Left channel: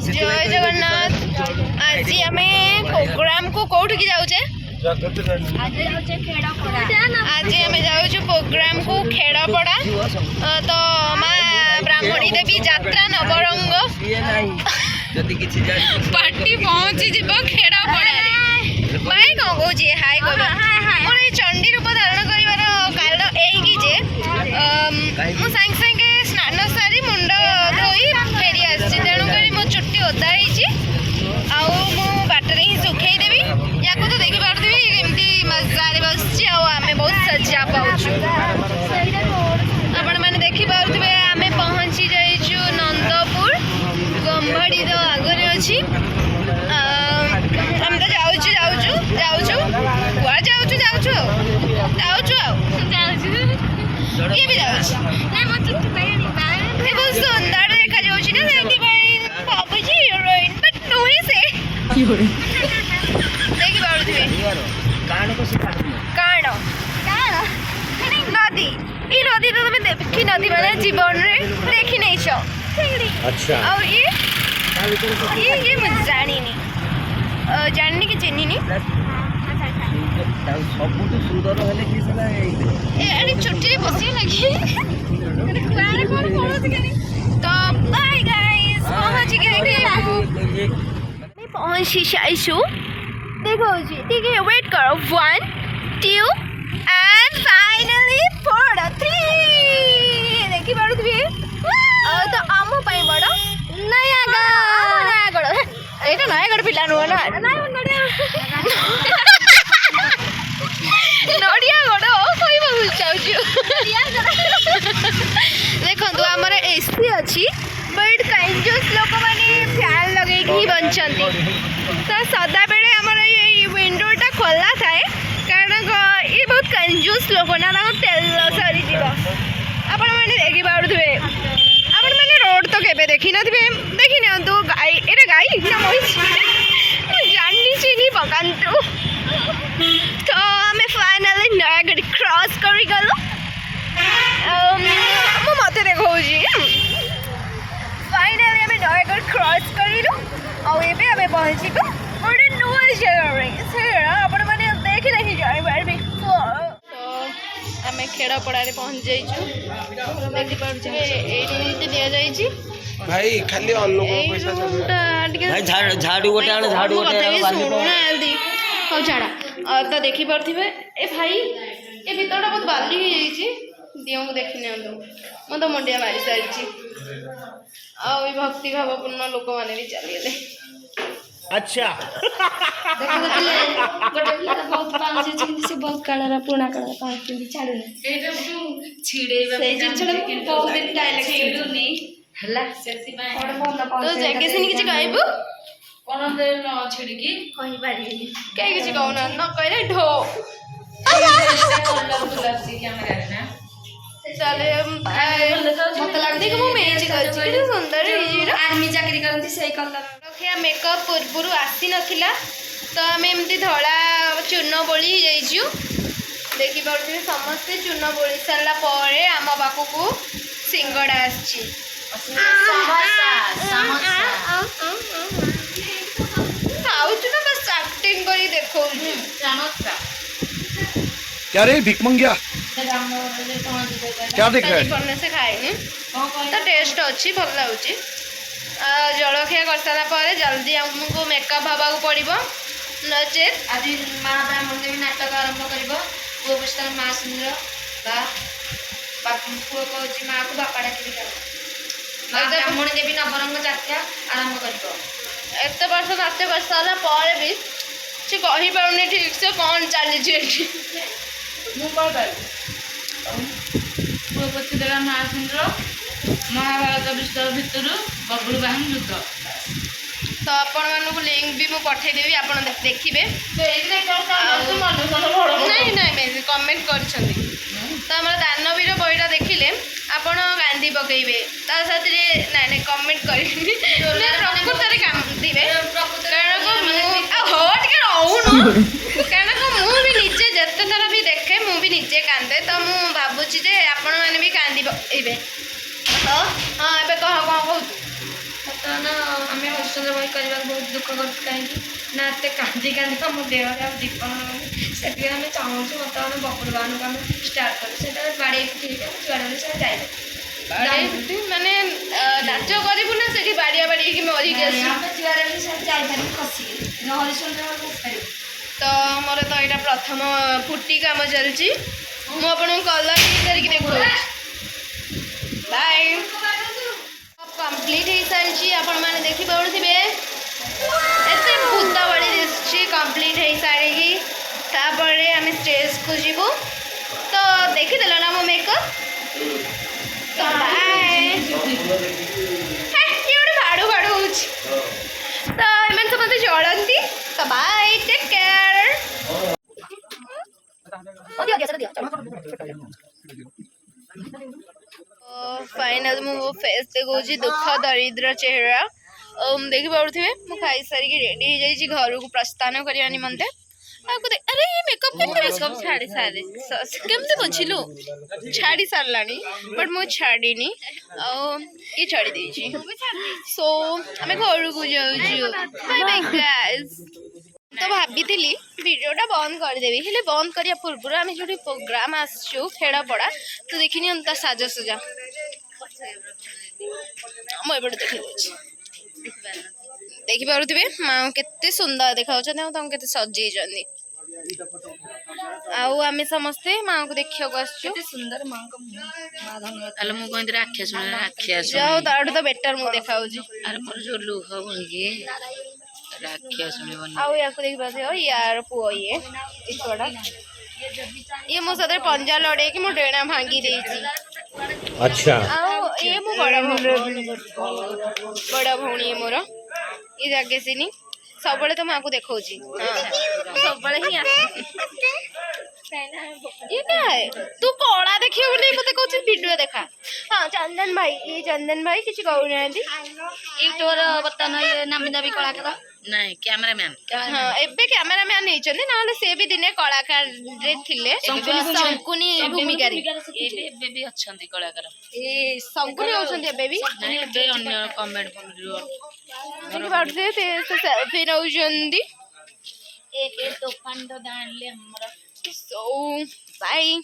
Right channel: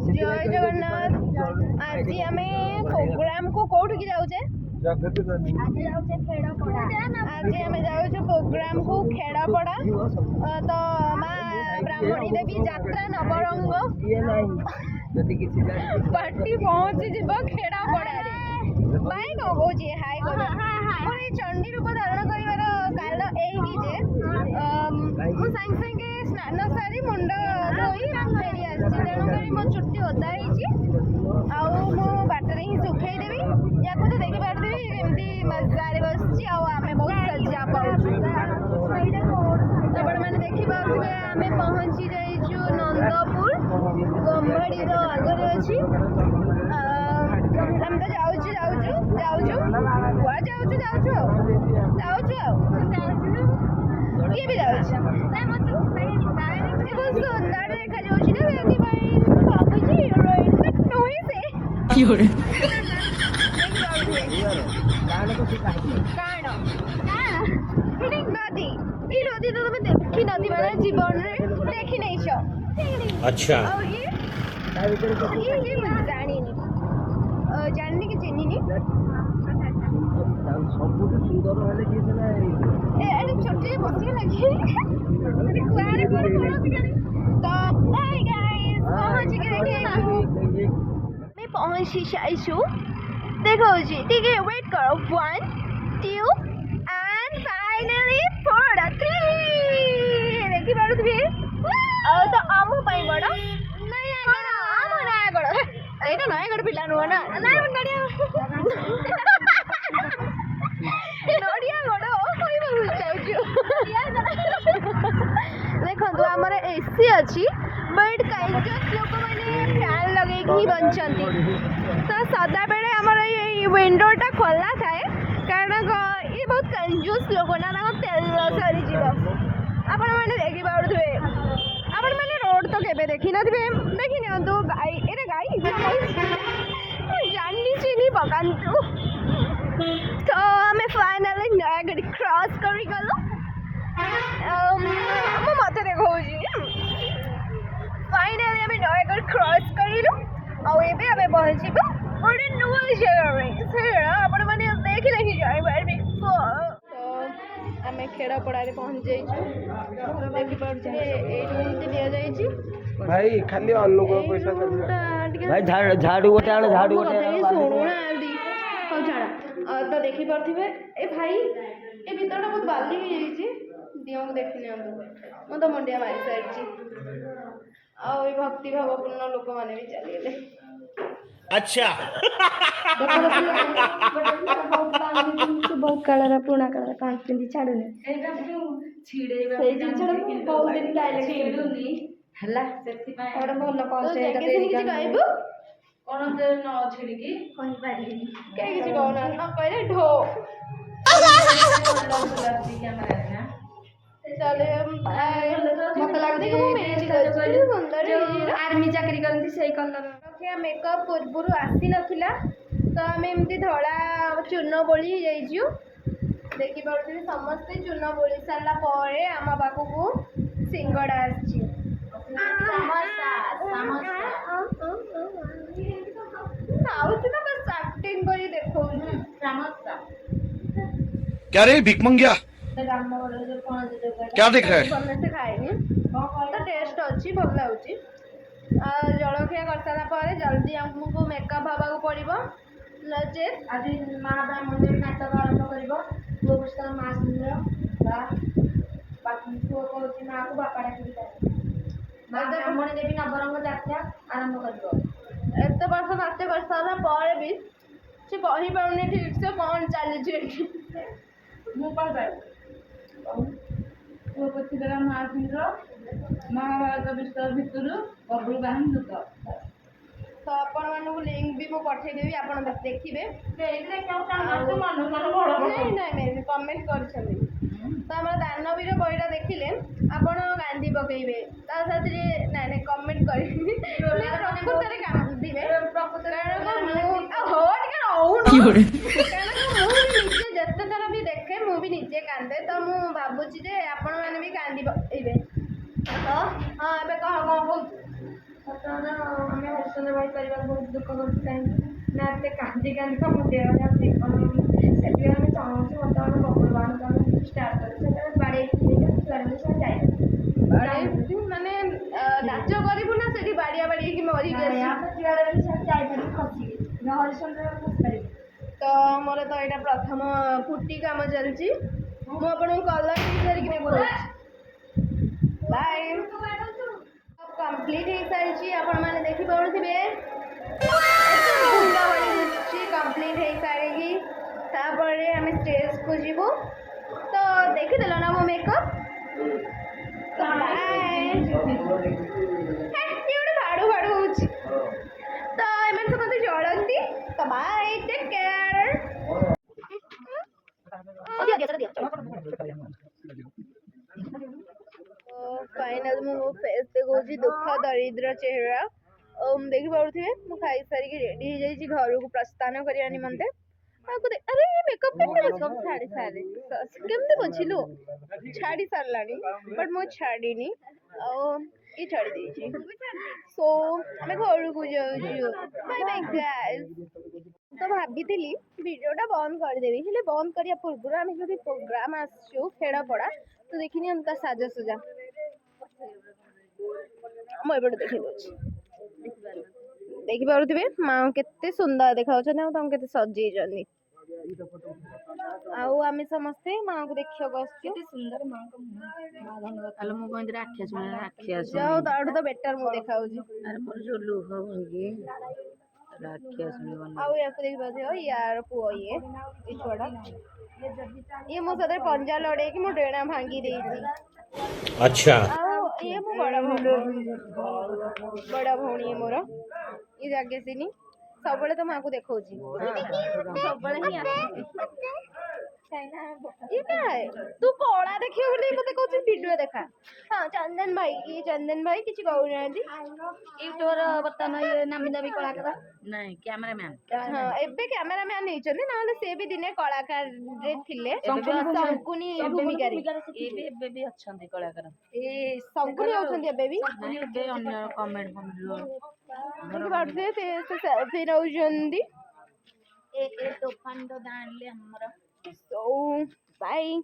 जय जगन्नाथ। आज आम प्रोग्राम को कौट की जाऊे आज आम जाऊँ प्रोग्राम को खेड़पड़ा तो माँ ब्राह्मणी देवी यात्रा नवरंग पार्टी पहुँची जीव खेड़पड़ा भाई कौन कौन हाय कह मोर ये चंडी रूप धारण कर कारण ये मुझे सागे स्नान सारी मुंड धोई फेरी आसी तेणुक मो चुट्टी ओदा बाटर ही सुखे देवी या तो देखिपी केमती मजा बस आम बहुत सजा पाचु आपण मैंने देखिपे आम पहुँची जाइचु नंदपुर गंभड़ी तो आगे अच्छी आम तो जाऊँ ये भी बहुत सुंदर देखा जाऊँगी ना भावुची हिरोइन बट नुहे से नदी ये नदी तो तुम देखी नदी मैंने जीवन रे देखी नहीं छो अच्छा और ये मुझे जानी जाननी कि चिन्नी नहीं छोटी बस लगी तो पहुँची जाइछु देखो जी ठीक है वेट करो 1 2 एंड फाइनली 4 3 देखी पारुथबे तो आम पाई बड़ नयागढ़ एटा नयागढ़ पिला नुह ना देखो आमर एसी अच्छी बट कंजूस लोक मैंने फैन लगे बंचती तो सदा बेले आमर ये विंडोटा खोला थाए कारण ये बहुत कंजूस लोक ना तेल सरी जीव आपण मैंने देखी पारे आपण मैंने रोड तो केबे देखी नी देखी नियंतु गाई एटा गाई ना जानी चिनी पकातु तो आम फाइनाली नयागढ़ क्रॉस कर गलु मत देखा फाइनाली आम नयागढ़ क्रॉस करूँ आम पहुँचू गोटे नुआ जगह आपण मैंने देखिले ही जापारे तो आम खेड़पड़ा पहुँच जाइए भाई खाली पैसा भाई झाड़ू गोटे आण झाड़ू गोटे शुणुना जल्दी हाँ छाड़ा तो देखी पारे ए भाई ये भितर बहुत बाली हो जाइए दियों को देखी नि मो तो मुंडिया मारी सारी भक्ति भावपूर्ण लोक मैंने भी चलीगले अच्छा बहुत कलर पुराना कलर बहुत दिन तो जैके से किसी कहबू कौन न छिड़की कहीं किसी कहना न कहले ढो चले मत लगती कि मेज कर सुंदर आर्मी चाकरी करती से कलर रखिया मेकअप पूर्व आसी नथिला तो आम एमती धड़ा चूर्ण बोली जाइछु देखी पारे समस्ते चूर्ण बोली सारा पर आम पाखक सिंगड़ा आसी खाऊचु ना बस एक्टिंग करी देखौ क्या रे भिक मंगिया क्या देख रहा है बनने से खाएनी तो टेस्ट अच्छी भल लगुच जलखिया कर सारा पर जल्दी आमको मेकअप हवा पड़ो नचेत आज माँ ब्राह्मण देवी नाटक आरंभ कर पुओ पुस्तक माँ सुंदर पुओ कह माँ को बापा डाकी माँ ब्राह्मण देवी नवरंग जात्रा आरंभ कर एत वर्ष नाट्य कर सारा पर भी से कहीपारे ठीक से कौन चली पुओपति देवा माँ सुंदर महाभारत विस्तार भितर बबुल बाहन युद्ध तो आपण मानक लिंक भी मुझे पठेदेवी आप देखिए नहीं नहीं कमेंट कर तो आम दानवीर बहीटा देखिले आपण कांदी पकेबे साथ ना ना कमेंट कर प्रकृत कांदे कारण मुझे निजे जिते थर भी देखे मुझे निजे कांदे तो मुझे भावुची आपण मैंने भी कांदी पकेबे तो हाँ ए कह कौन कहूँ आम ବହି କରିବାକୁ ବହୁତ ଦୁଃଖ କରୁଛୁ କାହିଁକି ନା ଏତେ କାନ୍ଦି କାନ୍ଦି ଆମ ଦେହରେ ଆଉ ଜୀବନ ସେଥିପାଇଁ ଆମେ ଚାହୁଁଛୁ ବର୍ତ୍ତମାନ ବବୁଲ ବାହାନକୁ ଆମେ ଷ୍ଟାର୍ଟ କରୁ ସେଟା ବାଡ଼େଇ ପିଠେଇକି ଆମେ ଯୁଆଡ଼େ ଗଲେ ସେ ଯାଇପାରିବୁ ମାନେ ନାଚ କରିବୁ ନା ସେଠି ବାଡ଼ିଆ ବାଡ଼ିକି ମରିକି ଆସିବୁ ଆମେ ଯୁଆଡ଼େ ଗଲେ ସେ ଯାଇପାରିବୁ ଖସିକି ହରିଶଙ୍କର ଖସିପାରିବୁ। ତ ମୋର ତ ଏଇଟା ପ୍ରଥମ ପୁଟି କାମ ଚାଲିଛି ମୁଁ ଆପଣଙ୍କୁ କଲର୍ କରିକି ଦେଖାଉଛି ବାଏ କମ୍ପ୍ଲିଟ୍ ହେଇସାରିଛି ଆପଣମାନେ ଦେଖିପାରୁଥିବେ ଏତେ ଭୂତ ଭଳି ଦିଶୁଛି କମ୍ପ୍ଲିଟ୍ ହେଇସାରିକି ତାପରେ ଆମେ ଷ୍ଟେଜ୍କୁ ଯିବୁ ତ ଦେଖିଦେଲ ନା ମୋ ମେକଅପ୍ ତ ବାଏ କିଏ ଗୋଟେ ଭାଡ଼ୁ ଭାଡ଼ୁ ହେଉଛି ତ ଏମାନେ ସମସ୍ତେ ଚଳନ୍ତି ତ ବାଏ ଟେକ୍ କେୟାର फाइनल मु फेस देखा दुख दरिद्र चेहरा देखिपे मु खाई सारिकी रेडी हो जाइए घर को प्रस्थान करने निमंते अरे ये मेकअप मेकअप छाड़ी सारे केमती बुझिलु छाड़ी सारा बट मु छाड़ीनी ये छाड़ी देछि सो आम घर को जाऊँ बाय बाय गाइस तो भाभी भिडियोटा बंद करदेवी हेले बंद करिया पूर्व आम जो प्रोग्राम आसचु खेड़पड़ा तो देखनी ता साजसजा मुझे देखी देखिपे माँ केते सुंदर देखा के सजे आम समस्ते माँ को देखा सुंदर माँ जाओ ताठू तो बेटर मुझे देखा जो लुह बोलिए राखिया यार पुओ ये मो सदर पंजा लड़े कि मो डेणा भांगी देछि अच्छा ये मो बड़ा भौणी मोर ये जागे सिनी सब तो माँ को देखा सब ही ये क्या है तू कला देखिए बोले मते कहू वीडियो देखा हाँ चंदन भाई किसी कहूना यूट्यूबर बर्तमान ये नामी दाबी कलाकार नहीं कैमरामैन हाँ एबे कैमरामैन नहीं ना से भी दिने कलाकार रे थिले शंकुनी भूमिका रे एबे भी अच्छंती कलाकार ए शंकुनी होछन एबे भी नहीं एबे अन्य कमेंट वीडियो देखि बाडसे से सेल्फी नउजंदी ए तोफान तो दानले हमरा सो बाय